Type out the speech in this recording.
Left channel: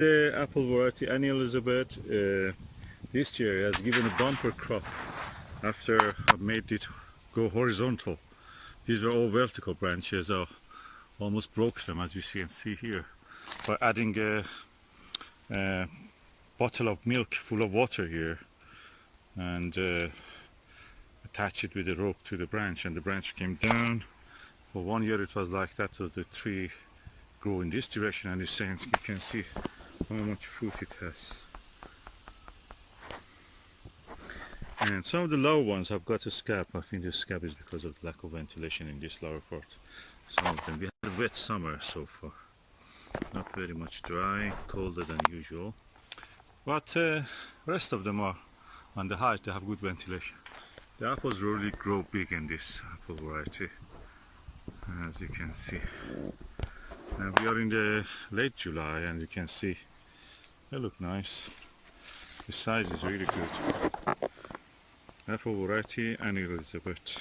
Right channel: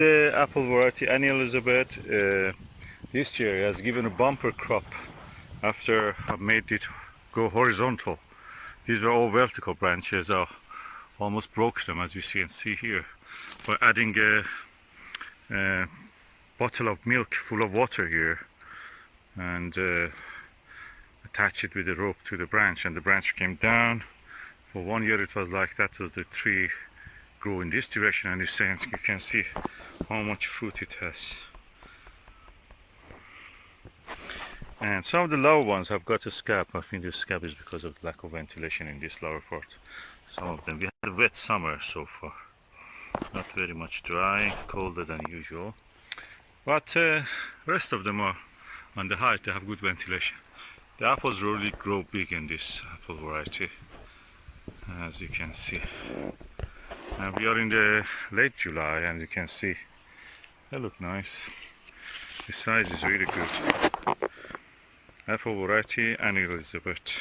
The apple variety Annie Elizabeth this year has given a bumper crop after I made it go horizontal. These were all vertical branches. I almost broke them, as you can see here, by adding a bottle of milk full of water here and attach it with a rope to the branch, and the branch came down. For 1 year it was like that, so the tree grew in this direction, and you can see how much fruit it has. And some of the lower ones have got a scab. I think the scab is because of the lack of ventilation in this lower part. Some of them, we had a wet summer so far, not very much dry, colder than usual, but rest of them are on the height. They have good ventilation. The apples really grow big in this apple variety, as you can see. And we are in the late July, and you can see they look nice. The size is really good. Apple variety Annie Elizabeth.